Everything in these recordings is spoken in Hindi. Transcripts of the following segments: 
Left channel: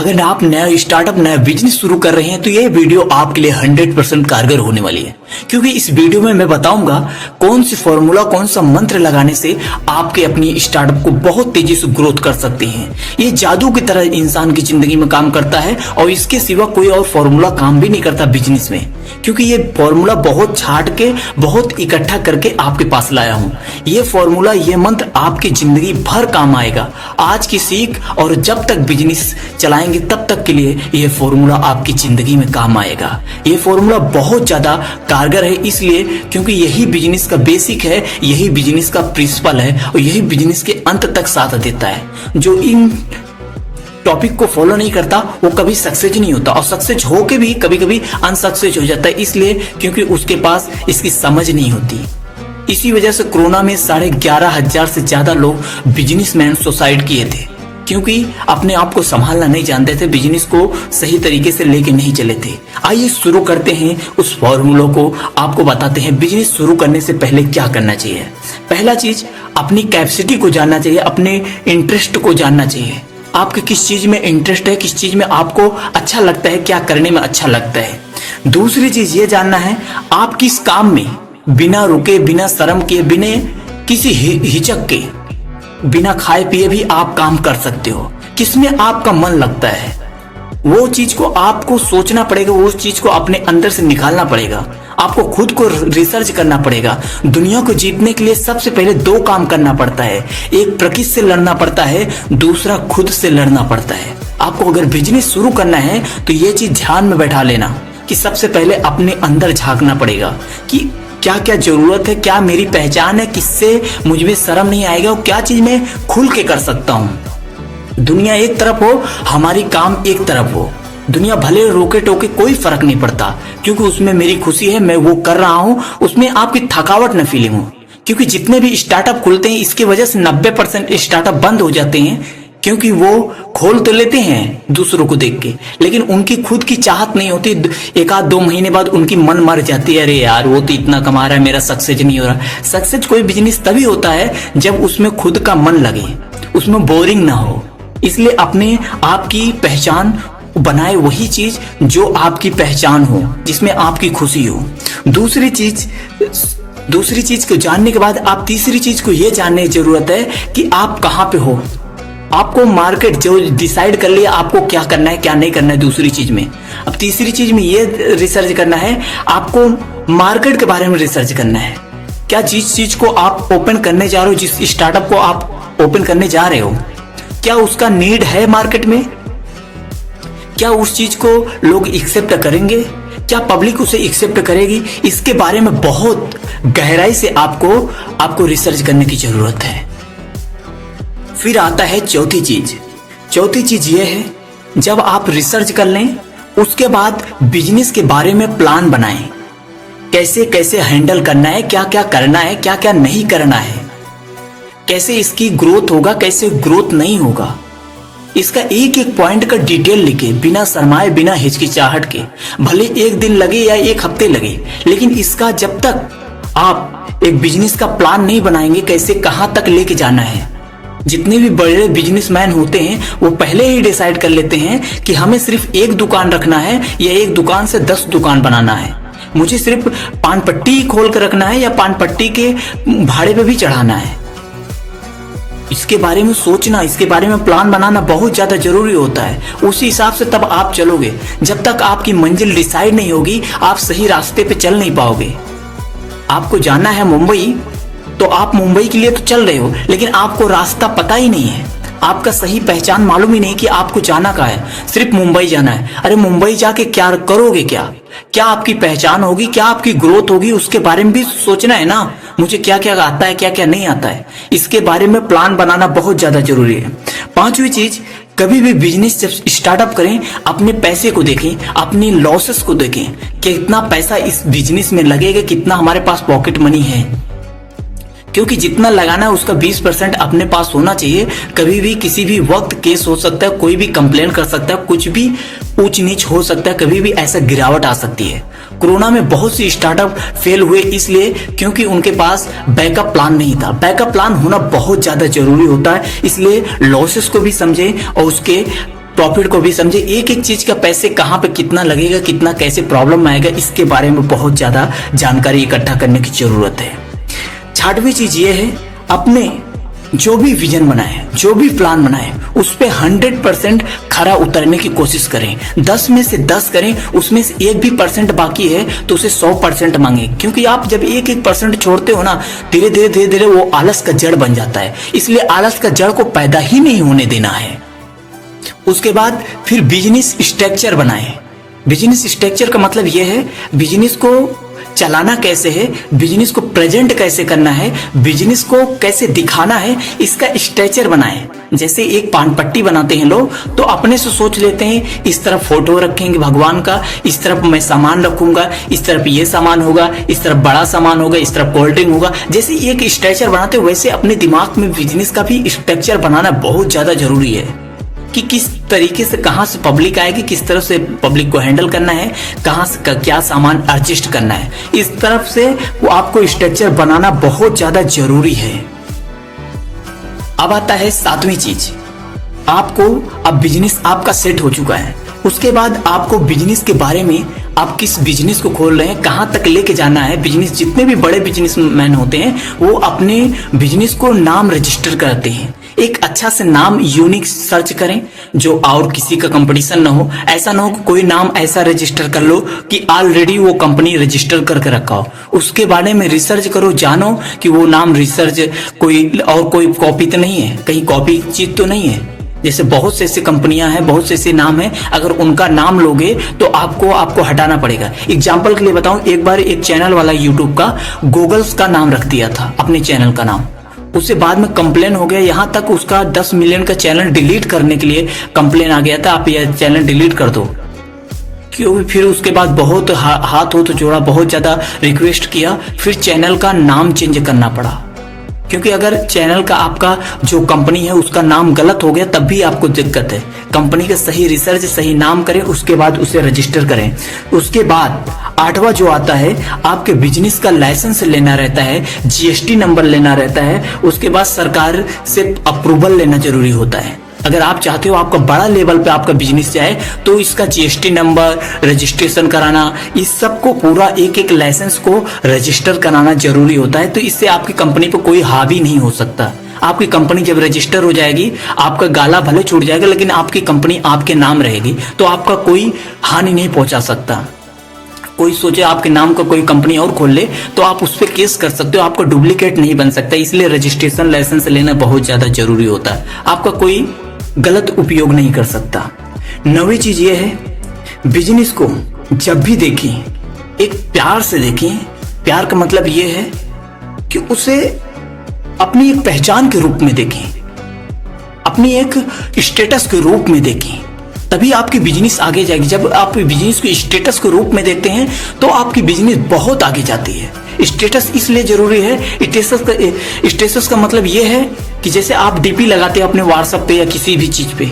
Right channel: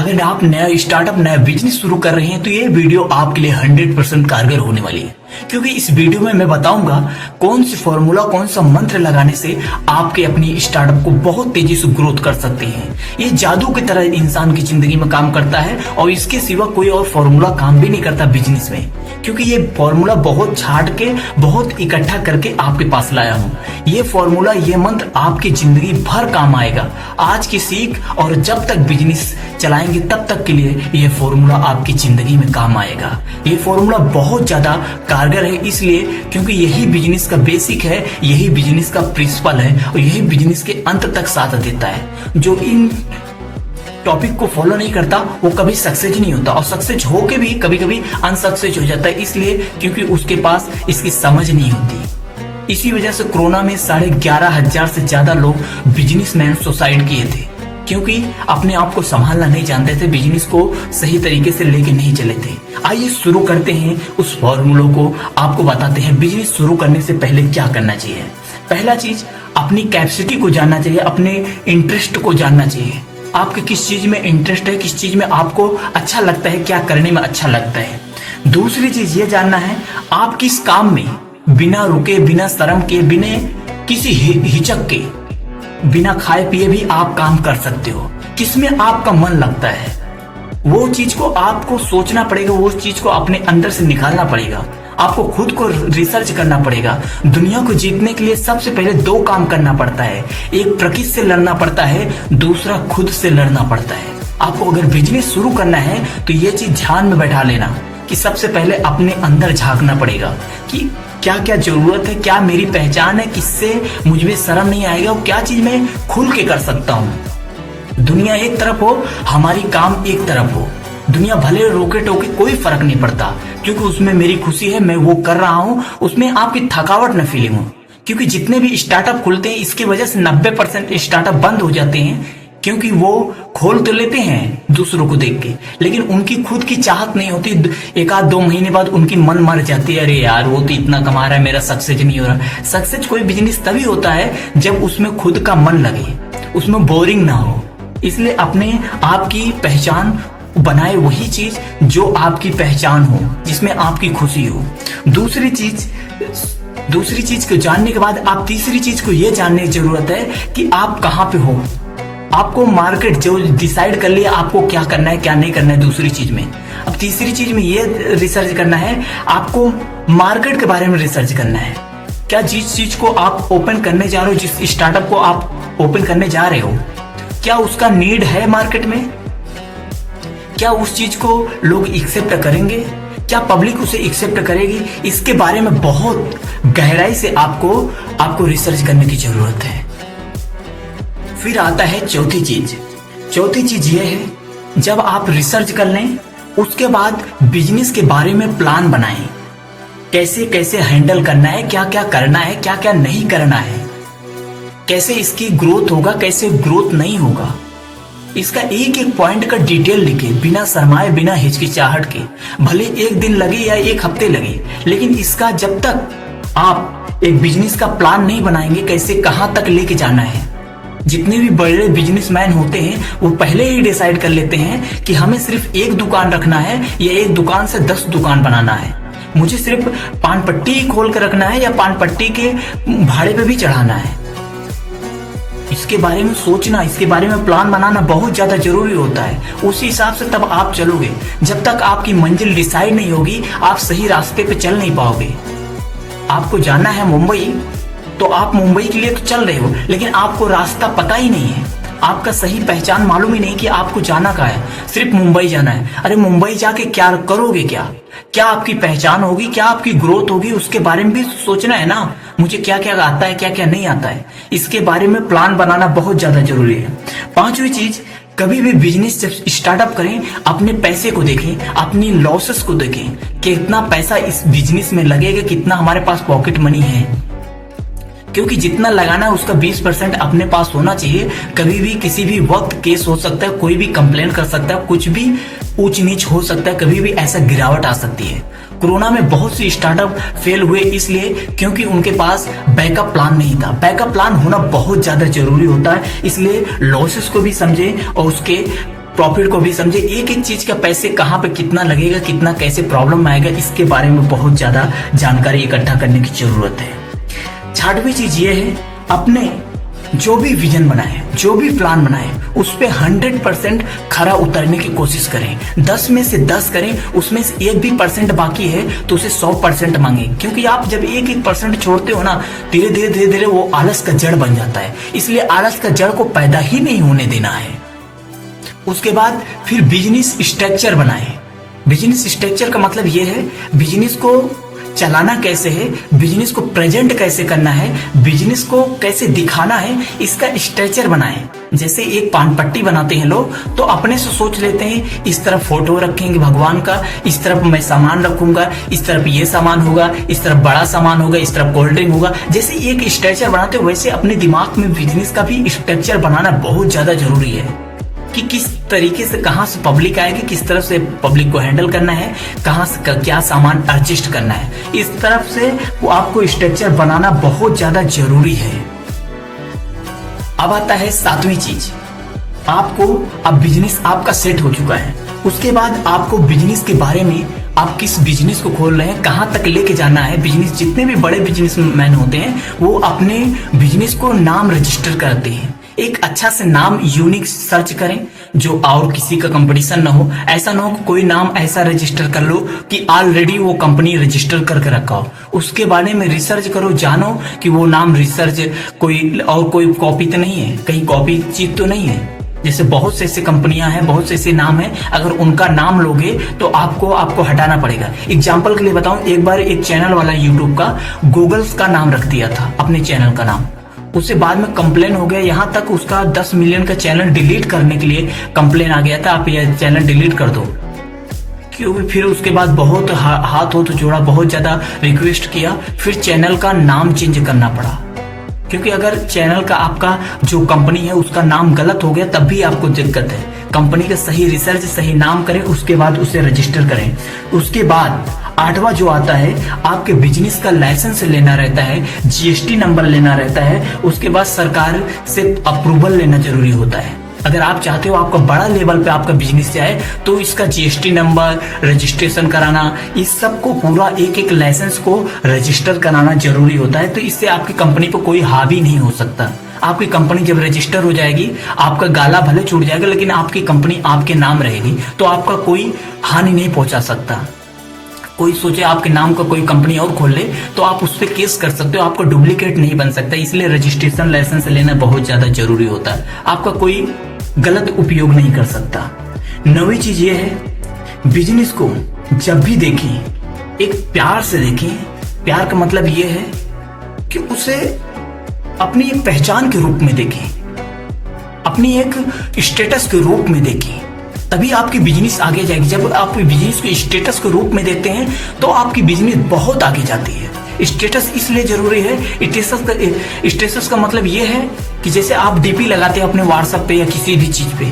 अगर आप नया स्टार्टअप नया बिजनेस शुरू कर रहे हैं तो ये वीडियो आपके लिए 100% कारगर होने वाली है, क्योंकि इस वीडियो में मैं बताऊंगा कौन सी फॉर्मूला कौन सा मंत्र लगाने से आपके अपनी स्टार्टअप को बहुत तेजी से ग्रोथ कर सकते हैं। ये जादू की तरह इंसान की जिंदगी में काम करता है और इसके सिवा कोई और फॉर्मूला काम भी नहीं करता बिजनेस में, क्योंकि ये फॉर्मूला बहुत छाट के बहुत इकट्ठा करके आपके पास लाया हूँ। ये फॉर्मूला ये मंत्र आपकी जिंदगी भर काम आएगा। आज की सीख और जब तक बिजनेस चलाएंगे तब तक के लिए ये फॉर्मूला आपकी जिंदगी में काम आएगा। ये फॉर्मूला बहुत ज्यादा कारगर है, इसलिए क्योंकि यही बिजनेस का बेसिक है, यही बिजनेस का प्रिंसिपल है और यही बिजनेस के अंत तक साथ देता है। जो इन टॉपिक को फॉलो नहीं करता वो कभी सक्सेस नहीं होता, और सक्सेस होके भी कभी कभी अनसक्सेस हो जाता है, इसलिए क्योंकि उसके पास इसकी समझ नहीं होती। इसी वजह से कोरोना में 11,500 से ज्यादा लोग बिजनेसमैन सुसाइड किए थे, क्योंकि अपने आप को संभालना नहीं जानते थे, बिजनेस को सही तरीके से लेके नहीं चले थे। आइए शुरू करते हैं, उस फॉर्मूलों को आपको बताते हैं बिजनेस शुरू करने से पहले क्या करना चाहिए। पहला चीज, अपनी कैपेसिटी को जानना चाहिए, अपने इंटरेस्ट को जानना चाहिए। आपके किस चीज में इंटरेस्ट है, किस चीज में आपको अच्छा लगता है, क्या करने में अच्छा लगता है। दूसरी चीज ये जानना है आप किस काम में बिना रुके, बिना शर्म के, बिना किसी हिचक के, बिना खाए पिए भी आप काम कर सकते हो। किसमें आपका मन लगता है वो चीज को आपको सोचना पड़ेगा, वो चीज को अपने अंदर से निकालना पड़ेगा। आपको खुद को रिसर्च करना पड़ेगा। दुनिया को जीतने के लिए सबसे पहले 2 काम करना पड़ता है, एक प्रकृति से लड़ना पड़ता है, दूसरा खुद से लड़ना पड़ता है। आपको अगर बिजनेस शुरू करना है तो ये चीज ध्यान में बैठा लेना कि सबसे पहले अपने अंदर झांकना पड़ेगा कि क्या क्या जरूरत है, क्या मेरी पहचान है, किससे मुझे शर्म नहीं आएगा और क्या चीज मैं खुल के कर सकता हूँ। दुनिया एक तरफ हो, हमारी काम एक तरफ हो। दुनिया भले रोके टोके कोई फर्क नहीं पड़ता, क्योंकि उसमें मेरी खुशी है, मैं वो कर रहा हूँ, उसमें आपकी थकावट न फीलिंग हो। क्योंकि जितने भी स्टार्टअप खुलते हैं इसकी वजह से 90% स्टार्टअप बंद हो जाते हैं, क्योंकि वो खोल तो लेते हैं दूसरों को देख के, लेकिन उनकी खुद की चाहत नहीं होती। 1-2 महीने बाद उनकी मन मर जाती है, अरे यार वो तो इतना कमा रहा है, मेरा सक्सेस नहीं हो रहा। सक्सेस कोई बिजनेस तभी होता है जब उसमें खुद का मन लगे, उसमें बोरिंग ना हो। इसलिए अपने आप की पहचान बनाए, वही चीज जो आपकी पहचान हो, जिसमें आपकी खुशी हो। दूसरी चीज को जानने के बाद आप तीसरी चीज को यह जानने की जरूरत है कि आप कहाँ पे हो। आपको मार्केट जो डिसाइड कर लिया आपको क्या करना है क्या नहीं करना है दूसरी चीज में। अब तीसरी चीज में ये रिसर्च करना है, आपको मार्केट के बारे में रिसर्च करना है। क्या जिस चीज को आप ओपन करने जा रहे हो, जिस स्टार्टअप को आप ओपन करने जा रहे हो, क्या उसका नीड है मार्केट में? क्या उस चीज को लोग एक्सेप्ट करेंगे? क्या पब्लिक उसे एक्सेप्ट करेगी? इसके बारे में बहुत गहराई से आपको रिसर्च करने की जरूरत है। फिर आता है चौथी चीज ये है, जब आप रिसर्च कर लें उसके बाद बिजनेस के बारे में प्लान बनाएं। कैसे कैसे हैंडल करना है, क्या क्या करना है, क्या क्या नहीं करना है, कैसे इसकी ग्रोथ होगा, कैसे ग्रोथ नहीं होगा। इसका एक एक पॉइंट का डिटेल लिखे, बिना शर्माए, बिना हिचकिचाहट के। भले 1 दिन लगे या 1 हफ्ते लगे, लेकिन इसका जब तक आप एक बिजनेस का प्लान नहीं बनाएंगे, कैसे कहां तक लेके जाना है। जितने भी बड़े बिजनेसमैन होते हैं वो पहले ही डिसाइड कर लेते हैं कि हमें सिर्फ 1 दुकान रखना है या 1 दुकान से 10 दुकान बनाना है, मुझे सिर्फ पान पट्टी खोल कर रखना है या पान पट्टी के भाड़े पे भी चढ़ाना है। इसके बारे में सोचना, इसके बारे में प्लान बनाना बहुत ज्यादा जरूरी होता है। उसी हिसाब से तब आप चलोगे। जब तक आपकी मंजिल डिसाइड नहीं होगी आप सही रास्ते पे चल नहीं पाओगे। आपको जाना है मुंबई, तो आप मुंबई के लिए तो चल रहे हो, लेकिन आपको रास्ता पता ही नहीं है, आपका सही पहचान मालूम ही नहीं कि आपको जाना कहाँ है। सिर्फ मुंबई जाना है। अरे मुंबई जाके क्या करोगे? क्या आपकी पहचान होगी, क्या आपकी ग्रोथ होगी, उसके बारे में भी सोचना है ना। मुझे क्या क्या आता है, क्या क्या नहीं आता है, इसके बारे में प्लान बनाना बहुत ज्यादा जरूरी है। 5वीं चीज, कभी भी बिजनेस जब स्टार्टअप करें अपने पैसे को देखें, अपनी लॉसेस को देखें, कितना पैसा इस बिजनेस में लगेगा, कितना हमारे पास पॉकेट मनी है। क्योंकि जितना लगाना है उसका 20% अपने पास होना चाहिए। कभी भी किसी भी वक्त केस हो सकता है, कोई भी कंप्लेन कर सकता है, कुछ भी ऊंच नीच हो सकता है, कभी भी ऐसा गिरावट आ सकती है। कोरोना में बहुत सी स्टार्टअप फेल हुए इसलिए क्योंकि उनके पास बैकअप प्लान नहीं था। बैकअप प्लान होना बहुत ज्यादा जरूरी होता है, इसलिए लॉसेस को भी समझें और उसके प्रॉफिट को भी समझे, एक एक चीज का पैसे कहाँ पे कितना लगेगा, कितना कैसे प्रॉब्लम आएगा, इसके बारे में बहुत ज्यादा जानकारी इकट्ठा करने की जरूरत है। 6वीं चीज ये है, अपने जो भी विजन बनाए, जो भी प्लान बनाए, उस पे 100% खरा उतरने की कोशिश करें। 10 में से 10 करें, उसमें से 1 भी % बाकी है तो उसे 100% मांगे, क्योंकि आप जब 1% छोड़ते हो ना, धीरे धीरे वो आलस का जड़ बन जाता है। इसलिए आलस का जड़ को पैदा ही नहीं होने देना है। उसके बाद फिर बिजनेस स्ट्रक्चर बनाए। बिजनेस स्ट्रक्चर का मतलब यह है, बिजनेस को चलाना कैसे है, बिजनेस को प्रेजेंट कैसे करना है, बिजनेस को कैसे दिखाना है, इसका स्ट्रक्चर बनाएं। जैसे एक पान पट्टी बनाते हैं लोग, तो अपने से सोच लेते हैं इस तरफ फोटो रखेंगे भगवान का, इस तरफ मैं सामान रखूंगा, इस तरफ ये सामान होगा, इस तरफ बड़ा सामान होगा, इस तरफ कोल्ड ड्रिंक होगा। जैसे एक स्ट्रक्चर बनाते हो, वैसे अपने दिमाग में बिजनेस का भी स्ट्रक्चर बनाना बहुत ज्यादा जरूरी है कि किस तरीके से कहां से पब्लिक आएगी, किस तरफ से पब्लिक को हैंडल करना है, कहां से क्या सामान एडजस्ट करना है। इस तरफ से वो आपको स्ट्रक्चर बनाना बहुत ज्यादा जरूरी है। अब आता है 7वीं चीज, आपको अब बिजनेस आपका सेट हो चुका है, उसके बाद आपको बिजनेस के बारे में, आप किस बिजनेस को खोल रहे हैं, कहां तक लेके जाना है। बिजनेस, जितने भी बड़े बिजनेसमैन होते हैं वो अपने बिजनेस को नाम रजिस्टर करते हैं। एक अच्छा से नाम यूनिक सर्च करें जो और किसी का कंपटीशन ना हो। ऐसा ना हो कि कोई नाम ऐसा रजिस्टर कर लो कि ऑलरेडी वो कंपनी रजिस्टर करके रखा हो। उसके बारे में रिसर्च करो, जानो कि वो नाम रिसर्च कोई कॉपी तो नहीं है, कहीं कॉपी चीज तो नहीं है। जैसे बहुत से ऐसी कंपनियां हैं, बहुत से ऐसे नाम हैं, अगर उनका नाम लोगे तो आपको हटाना पड़ेगा। एग्जाम्पल के लिए बताऊं, एक बार एक चैनल वाला यूट्यूब का गूगल्स का नाम रख दिया था अपने चैनल का नाम, उससे बाद में कंप्लेन हो गया, यहाँ तक उसका 10 मिलियन का चैनल डिलीट करने के लिए कंप्लेन आ गया था, आप यह चैनल डिलीट कर दो। क्योंकि फिर उसके बाद बहुत हाथ हो तो जोड़ा, बहुत ज्यादा रिक्वेस्ट किया, फिर चैनल का नाम चेंज करना पड़ा। क्योंकि अगर चैनल का आपका जो कंपनी है उसका नाम गलत हो गया तब भी आपको दिक्कत है। कंपनी का सही रिसर्च, सही नाम करें, उसके बाद उसे रजिस्टर करें। उसके बाद 8वां जो आता है, आपके बिजनेस का लाइसेंस लेना रहता है, GST नंबर लेना रहता है। उसके बाद सरकार से अप्रूवल लेना जरूरी होता है। अगर आप चाहते हो आपका बड़ा लेवल पे आपका बिजनेस जाए तो इसका GST नंबर, रजिस्ट्रेशन कराना, इस सब को पूरा एक लाइसेंस को रजिस्टर कराना जरूरी होता है। तो इससे आपकी कंपनी पर कोई हावी नहीं हो सकता। आपकी कंपनी जब रजिस्टर हो जाएगी, आपका गाला भले छूट जाएगा लेकिन आपकी कंपनी आपके नाम रहेगी, तो आपका कोई हानि नहीं पहुंचा सकता। कोई सोचे आपके नाम का कोई कंपनी और खोल ले तो आप उस पर केस कर सकते हो, आपका डुप्लीकेट नहीं बन सकता। इसलिए रजिस्ट्रेशन लाइसेंस लेना बहुत ज्यादा जरूरी होता है, आपका कोई गलत उपयोग नहीं कर सकता। 9वीं चीज ये है, बिजनेस को जब भी देखें एक प्यार से देखें। प्यार का मतलब ये है कि उसे अपनी एक पहचान के रूप में देखें, अपनी एक स्टेटस के रूप में देखें, तभी आपकी बिजनेस आगे जाएगी। जब आप बिजनेस को स्टेटस के रूप में देखते हैं तो आपकी बिजनेस बहुत आगे जाती है। स्टेटस इसलिए जरूरी है, स्टेटस का मतलब यह है कि जैसे आप डीपी लगाते हैं अपने व्हाट्सएप पे या किसी भी चीज पे,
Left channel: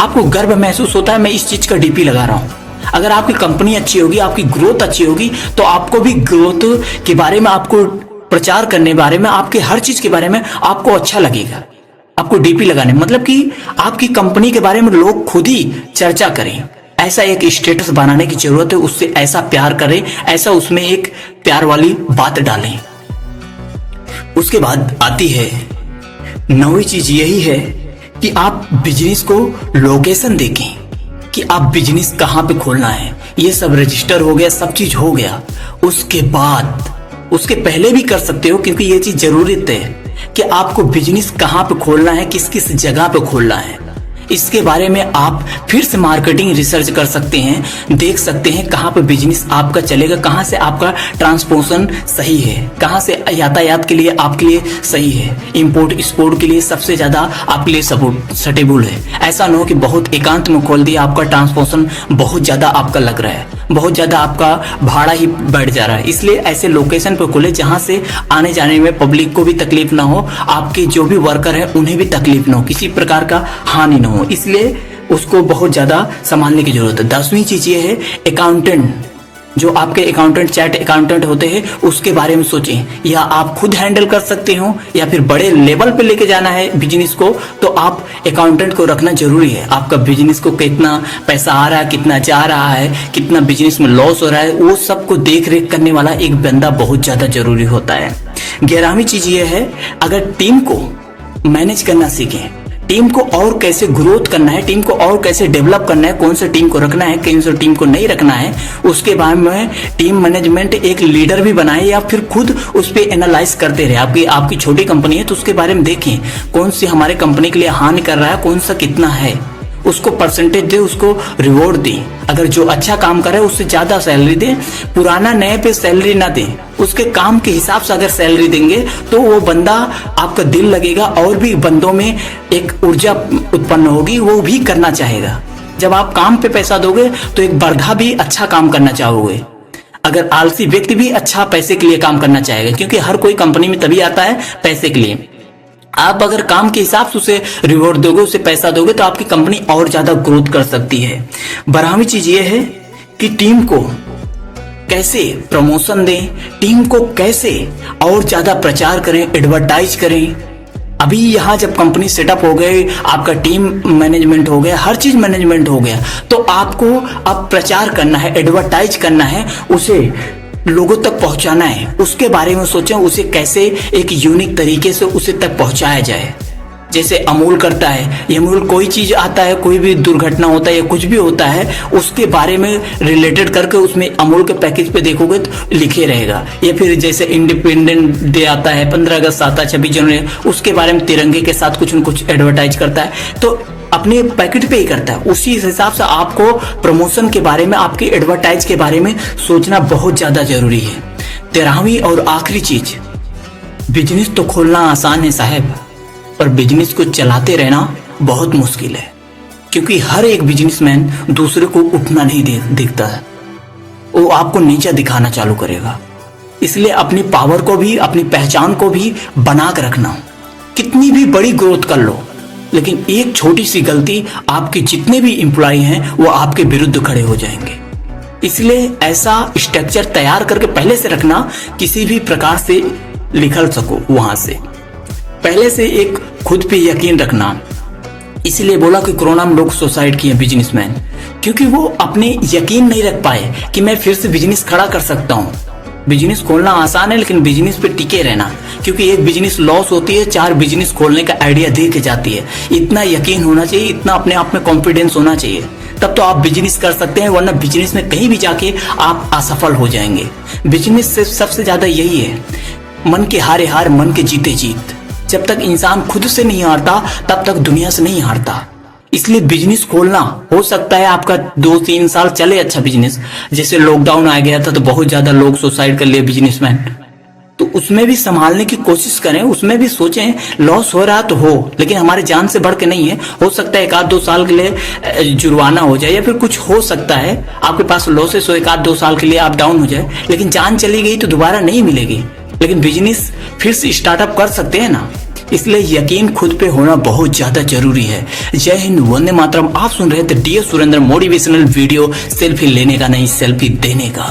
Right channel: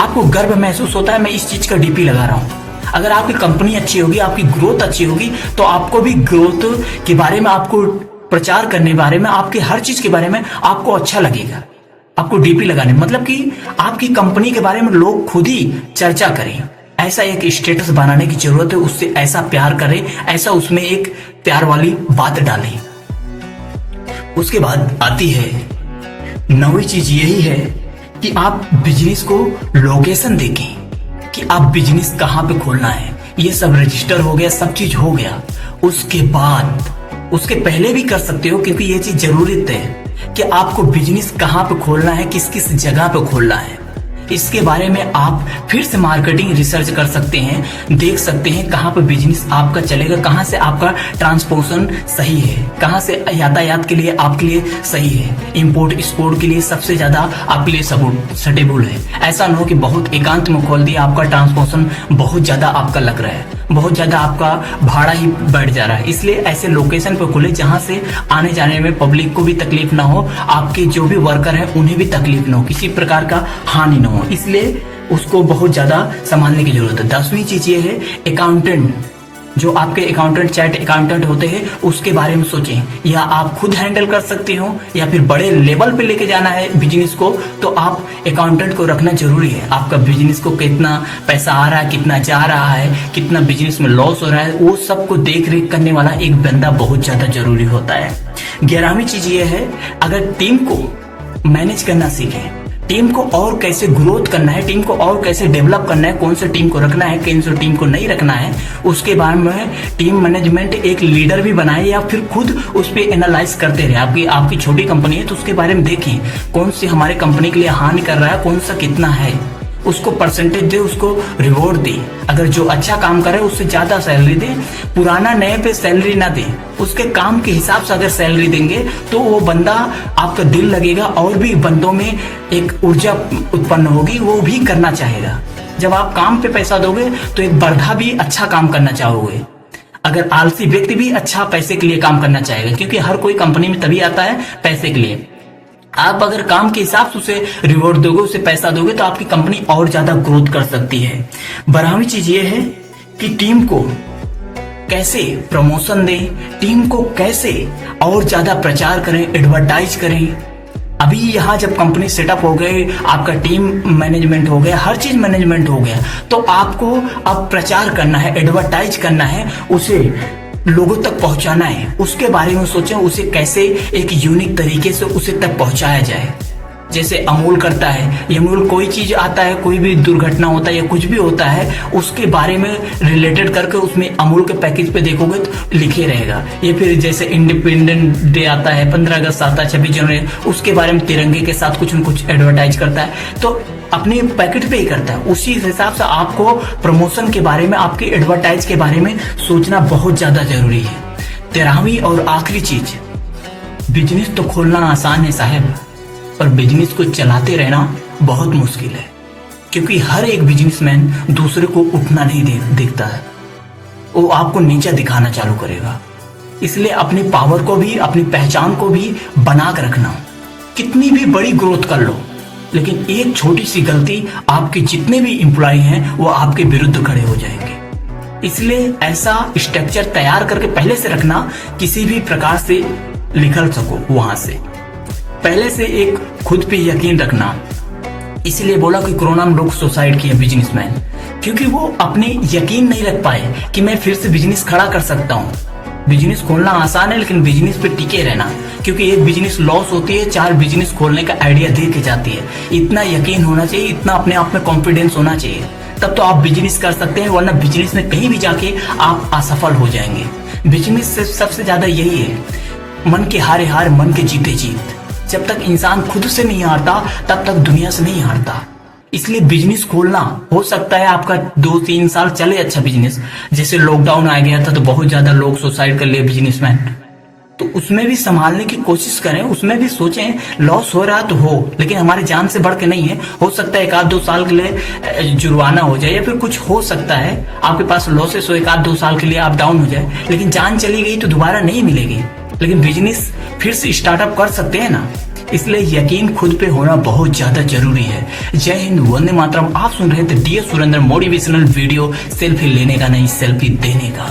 आपको गर्व महसूस होता है मैं इस चीज का डीपी लगा रहा हूं। अगर आपकी कंपनी अच्छी होगी, आपकी ग्रोथ अच्छी होगी, तो आपको भी ग्रोथ के बारे में, आपको प्रचार करने बारे में, आपके हर चीज के बारे में आपको अच्छा लगेगा। आपको डीपी लगाने मतलब कि आपकी कंपनी के बारे में लोग खुद ही चर्चा करें, ऐसा एक स्टेटस बनाने की जरूरत है। उससे ऐसा प्यार करें, ऐसा उसमें एक प्यार वाली बात डालें। उसके बाद आती है 9वीं चीज, यही है कि आप बिजनेस को लोकेशन देखें कि आप बिजनेस कहां पे खोलना है। ये सब रजिस्टर हो गया, सब चीज हो गया, उसके बाद उसके पहले भी कर सकते हो, क्योंकि ये चीज जरूरत है कि आपको बिजनेस कहां पे खोलना है, किस किस जगह पे खोलना है। इसके बारे में आप फिर से मार्केटिंग रिसर्च कर सकते हैं, देख सकते हैं कहां पे बिजनेस आपका चलेगा, कहां से आपका ट्रांसपोर्टेशन सही है, कहां से यातायात के लिए आपके लिए सही है, इंपोर्ट एक्सपोर्ट के लिए सबसे ज्यादा आपके लिए सटेबल है। ऐसा ना हो कि बहुत एकांत में खोल दिया, आपका ट्रांसपोर्टेशन बहुत ज्यादा आपका लग रहा है, बहुत ज्यादा आपका भाड़ा ही बढ़ जा रहा है। इसलिए ऐसे लोकेशन पे खोले जहां से आने जाने में पब्लिक को भी तकलीफ ना हो, आपके जो भी वर्कर है उन्हें भी तकलीफ ना हो, किसी प्रकार का हानि ना हो। इसलिए उसको बहुत ज्यादा संभालने की जरूरत है। 10वीं चीज ये है, अकाउंटेंट जो आपके अकाउंटेंट, चैट अकाउंटेंट होते हैं, उसके बारे में सोचें। या आप खुद हैंडल कर सकते हो या फिर बड़े लेवल पे लेके जाना है बिजनेस को, तो आप अकाउंटेंट को रखना जरूरी है। आपका बिजनेस को कितना पैसा आ रहा है, कितना जा रहा है, कितना बिजनेस में लॉस हो रहा है, वो सबको देख रेख करने वाला एक बंदा बहुत ज्यादा जरूरी होता है। 11वीं चीज ये है, अगर टीम को मैनेज करना सीखें, टीम को और कैसे ग्रोथ करना है, टीम को और कैसे डेवलप करना है, कौन से टीम को रखना है, कौन से टीम को नहीं रखना है, उसके बारे में टीम मैनेजमेंट एक लीडर भी बनाए या फिर खुद उस पर एनालाइज करते रहे। आपकी छोटी कंपनी है तो उसके बारे में देखें कौन सी हमारे कंपनी के लिए हानि कर रहा है, कौन सा कितना है, उसको परसेंटेज दे, उसको रिवॉर्ड दे। अगर जो अच्छा काम करे उससे ज्यादा सैलरी दे, पुराना नए पे सैलरी ना दे, उसके काम के हिसाब से अगर सैलरी देंगे तो वो बंदा, आपका दिल लगेगा और भी बंदों में एक ऊर्जा उत्पन्न होगी, वो भी करना चाहेगा। जब आप काम पे पैसा दोगे तो एक बर्धा भी अच्छा काम करना चाहोगे। अगर आलसी व्यक्ति भी अच्छा पैसे के लिए काम करना चाहेगा, क्योंकि हर कोई कंपनी में तभी आता है पैसे के लिए। आप अगर काम के हिसाब से उसे रिवॉर्ड दोगे, उसे पैसा दोगे, तो आपकी कंपनी और ज्यादा ग्रोथ कर सकती है। 12वीं चीज ये है कि टीम को कैसे प्रमोशन दें, टीम को कैसे और ज्यादा प्रचार करें, एडवर्टाइज करें। अभी यहाँ जब कंपनी सेटअप हो गई, आपका टीम मैनेजमेंट हो गया, हर चीज मैनेजमेंट हो गया, तो आपको अब प्रचार करना है, एडवर्टाइज करना है, उसे लोगों तक पहुंचाना है। उसके बारे में सोचें, उसे कैसे एक यूनिक तरीके से उसे तक पहुंचाया जाए। जैसे अमूल करता है, ये अमूल कोई चीज आता है, कोई भी दुर्घटना होता है या कुछ भी होता है, उसके बारे में रिलेटेड करके उसमें अमूल के पैकेज पे देखोगे तो लिखे रहेगा। या फिर जैसे इंडिपेंडेंट डे आता है, 15 अगस्त आता है, 26 जनवरी, उसके बारे में तिरंगे के साथ कुछ न कुछ एडवर्टाइज करता है, तो अपने पैकेट पे ही करता है। उसी हिसाब से आपको प्रमोशन के बारे में, आपके एडवर्टाइज के बारे में सोचना बहुत ज्यादा जरूरी है। 13वीं और आखिरी चीज, बिजनेस तो खोलना आसान है साहब, पर बिजनेस को चलाते रहना बहुत मुश्किल है। क्योंकि हर एक बिजनेसमैन दूसरे को उठना नहीं देखता है, वो आपको नीचा दिखाना चालू करेगा। इसलिए अपनी पावर को भी, अपनी पहचान को भी बना कर रखना। कितनी भी बड़ी ग्रोथ कर लो, लेकिन एक छोटी सी गलती, आपके जितने भी एम्प्लॉय हैं वो आपके विरुद्ध खड़े हो जाएंगे। इसलिए ऐसा स्ट्रक्चर तैयार करके पहले से रखना, किसी भी प्रकार से निकल सको वहां से। पहले से एक खुद पे यकीन रखना। इसलिए बोला कि कोरोना में लोग सुसाइड किए बिजनेसमैन, क्योंकि वो अपने यकीन नहीं रख पाए कि मैं फिर से बिजनेस खड़ा कर सकता हूँ। बिजनेस खोलना आसान है, लेकिन बिजनेस पे टिके रहना, क्योंकि एक बिजनेस लॉस होती है, 4 बिजनेस खोलने का आइडिया दे के जाती है। इतना यकीन होना चाहिए, इतना अपने आप में कॉन्फिडेंस होना चाहिए, तब तो आप बिजनेस कर सकते हैं, वरना बिजनेस में कहीं भी जाके आप असफल हो जाएंगे। बिजनेस से सबसे ज्यादा यही है, मन के हारे हार, मन के जीते जीत। जब तक इंसान खुद से नहीं हारता, तब तक दुनिया से नहीं हारता। इसलिए बिजनेस खोलना, हो सकता है आपका 2-3 साल चले अच्छा बिजनेस। जैसे लॉकडाउन आ गया था तो बहुत ज्यादा लोग सुसाइड कर लिए बिजनेसमैन, तो उसमें भी संभालने की कोशिश करें, उसमें भी सोचें लॉस हो रहा तो हो, लेकिन हमारे जान से बढ़ के नहीं है। हो सकता है 1-2 साल के लिए जुर्माना हो जाए, या फिर कुछ हो सकता है आपके पास लॉसेस हो, 1-2 साल के लिए आप डाउन हो जाए, लेकिन जान चली गई तो दोबारा नहीं मिलेगी। लेकिन बिजनेस फिर से स्टार्टअप कर सकते हैं ना। इसलिए यकीन खुद पे होना बहुत ज्यादा जरूरी है। जय हिंद, वंदे मातरम। आप सुन रहे थे DS Surendra motivational video, selfie लेने का नहीं, सेल्फी देने का।